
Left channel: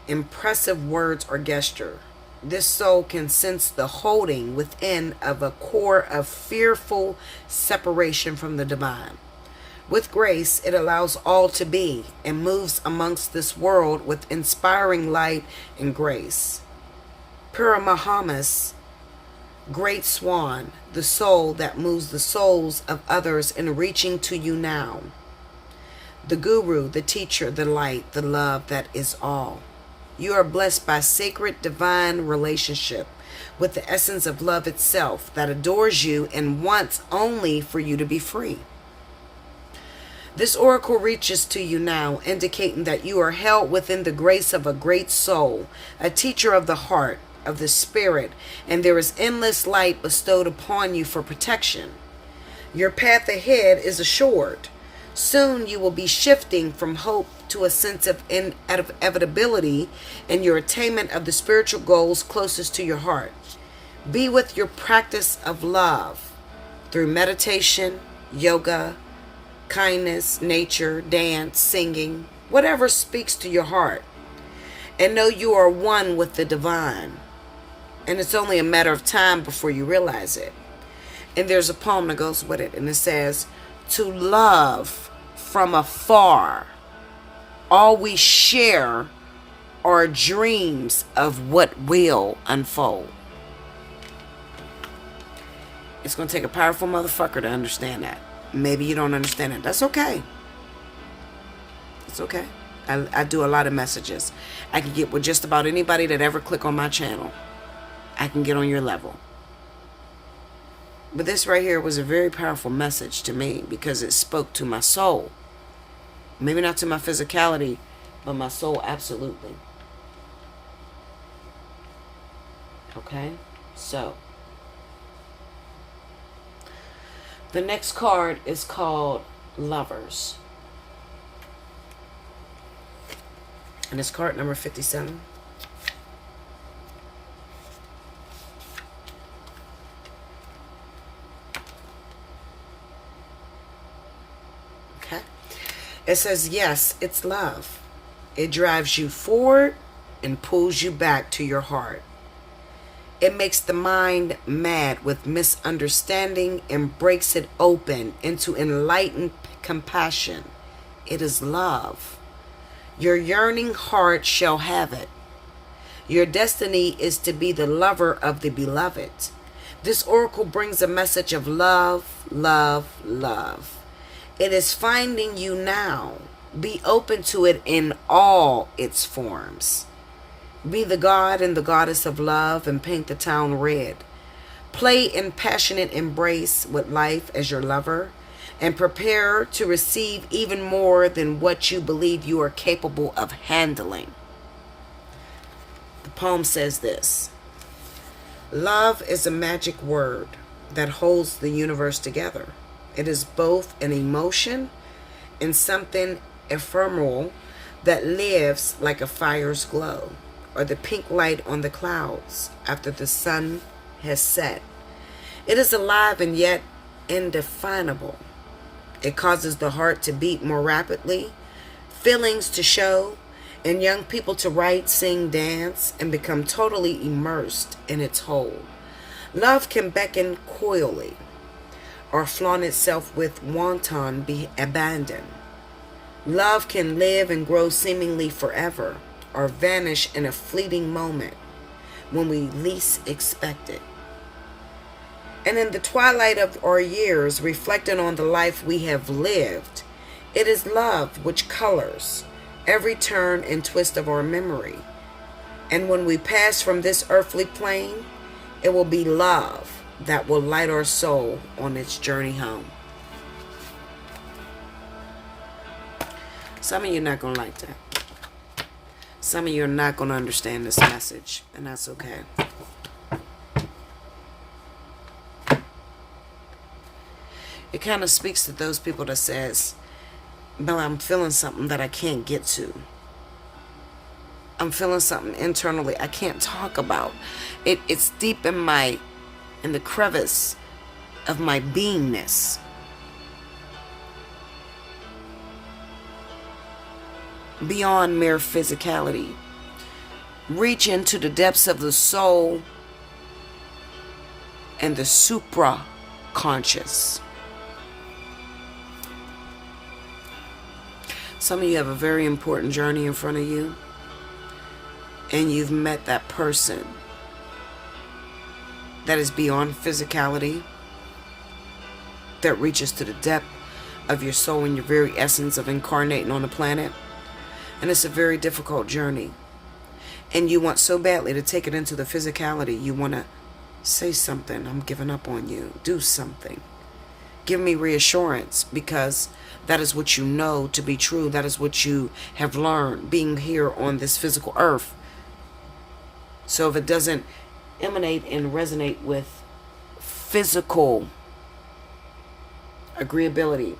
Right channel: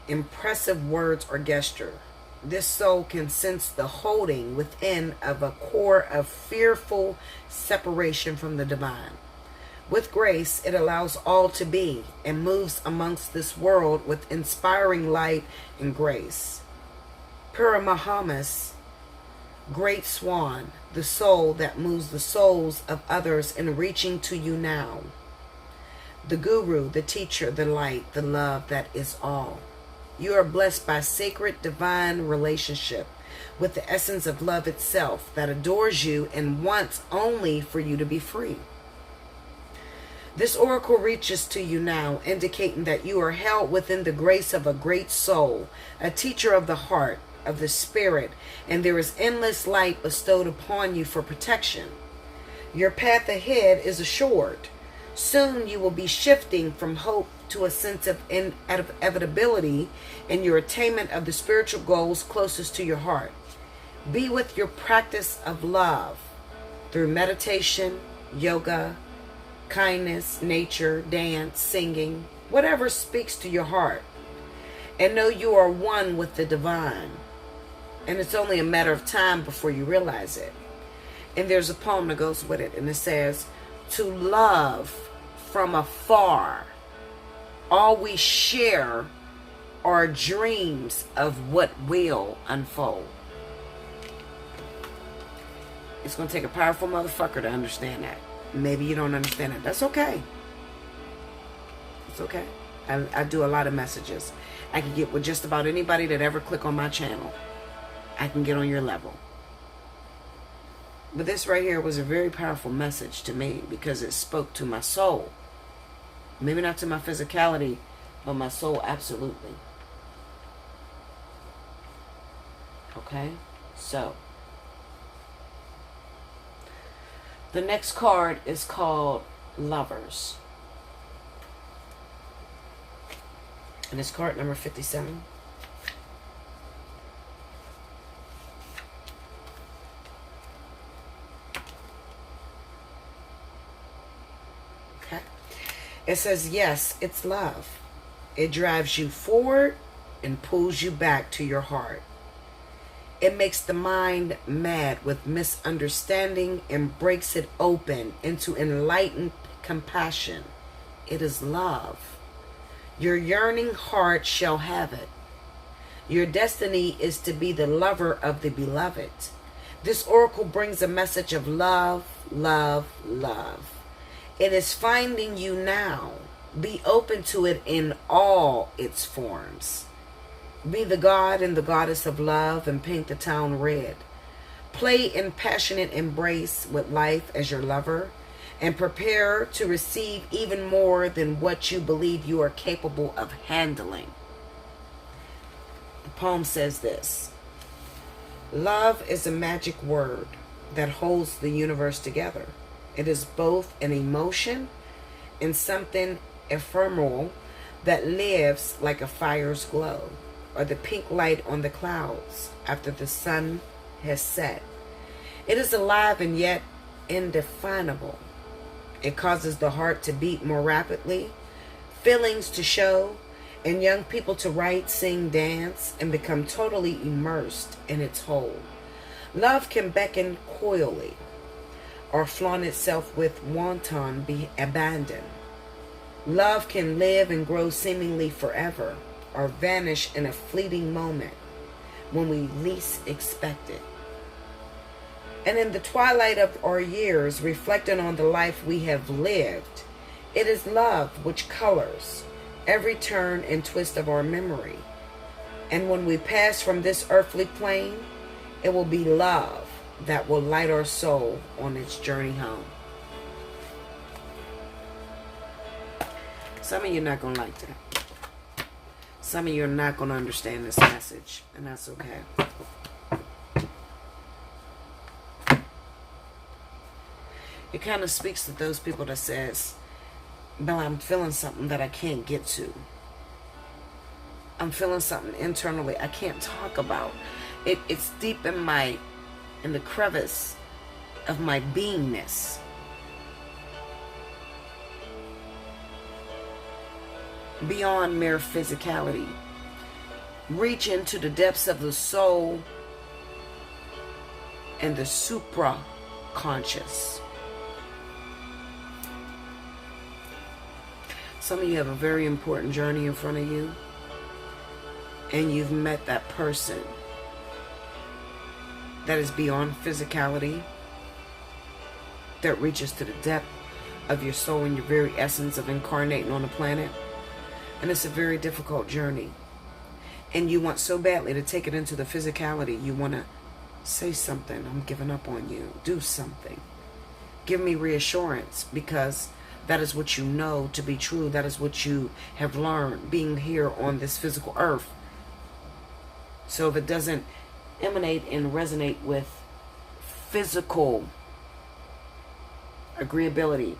impressive words or gesture, this soul can sense the holding within of a core of fearful separation from the divine. With grace, it allows all to be and moves amongst this world with inspiring light and grace. Paramahamas, great swan, the soul that moves the souls of others in reaching to you now. the guru, the teacher, the light, the love that is all. You are blessed by sacred divine relationship with the essence of love itself that adores you and wants only for you to be free. This oracle reaches to you now, indicating that you are held within the grace of a great soul, a teacher of the heart, of the spirit, and there is endless light bestowed upon you for protection. Your path ahead is assured. Soon you will be shifting from hope to a sense of inevitability in your attainment of the spiritual goals closest to your heart. Be with your practice of love through meditation, yoga, kindness, nature, dance, singing, whatever speaks to your heart. And know you are one with the divine. And it's only a matter of time before you realize it. And there's a poem that goes with it, and it says, to love from afar, all we share are dreams of what will unfold. It's going to take a powerful motherfucker to understand that. Maybe you don't understand it. That's okay. It's okay. I do a lot of messages. I can get with just about anybody that ever click on my channel. I can get on your level. But this right here was a very powerful message to me because it spoke to my soul. Maybe not to my physicality, but my soul absolutely. Okay? So, the next card is called Lovers. And it's card number 57. Okay. It says, yes, it's love. It drives you forward and pulls you back to your heart. It makes the mind mad with misunderstanding and breaks it open into enlightened compassion. It is love. Your yearning heart shall have it. Your destiny is to be the lover of the beloved. This oracle brings a message of love, love, love. It is finding you now. Be open to it in all its forms. Be the god and the goddess of love and paint the town red. Play in passionate embrace with life as your lover and prepare to receive even more than what you believe you are capable of handling. The poem says this: love is a magic word that holds the universe together. It is both an emotion and something ephemeral that lives like a fire's glow, or the pink light on the clouds after the sun has set. It is alive and yet indefinable. It causes the heart to beat more rapidly, feelings to show, and young people to write, sing, dance, and become totally immersed in its whole. Love can beckon coyly, or flaunt itself with wanton abandon. Love can live and grow seemingly forever, or vanish in a fleeting moment when we least expect it. And in the twilight of our years, reflecting on the life we have lived, it is love which colors every turn and twist of our memory. And when we pass from this earthly plane, it will be love that will light our soul on its journey home. Some of you are not going to like that. Some of you are not going to understand this message, and that's okay. It kind of speaks to those people that says, Bella, I'm feeling something that I can't get to. I'm feeling something internally I can't talk about. It's deep in the crevice of my beingness. Beyond mere physicality. Reach into the depths of the soul and the supra-conscious. Some of you have a very important journey in front of you, and you've met that person that is beyond physicality, that reaches to the depth of your soul and your very essence of incarnating on the planet. And it's a very difficult journey. And you want so badly to take it into the physicality. You want to say something. I'm giving up on you. Do something. Give me reassurance, because that is what you know to be true. That is what you have learned being here on this physical earth. So if it doesn't emanate and resonate with physical agreeability,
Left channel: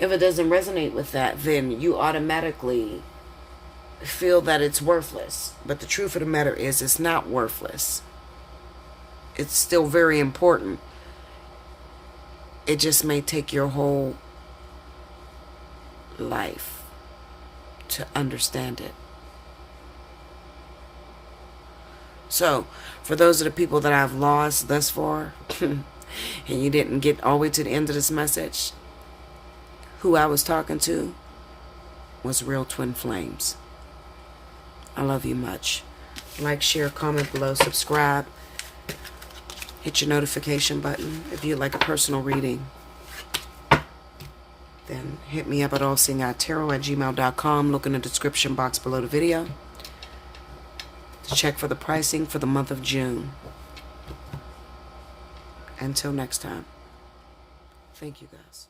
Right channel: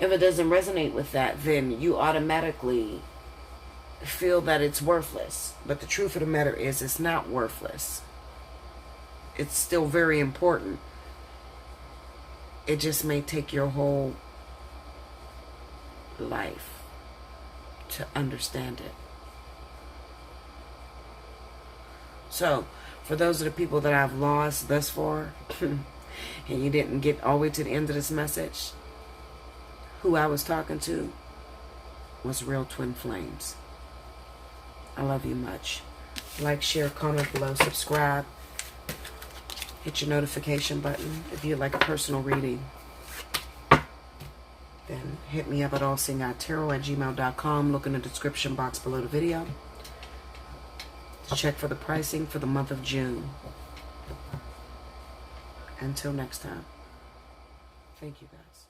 if it doesn't resonate with that, then you automatically feel that it's worthless. But the truth of the matter is, it's not worthless. It's still very important. It just may take your whole life to understand it. So, for those of the people that I've lost thus far, and you didn't get all the way to the end of this message, who I was talking to was real twin flames. I love you much. Like, share, comment below, subscribe. Hit your notification button. If you'd like a personal reading, then hit me up at allseeingeyetarot@gmail.com. Look in the description box below the video to check for the pricing for the month of June. Until next time, thank you guys.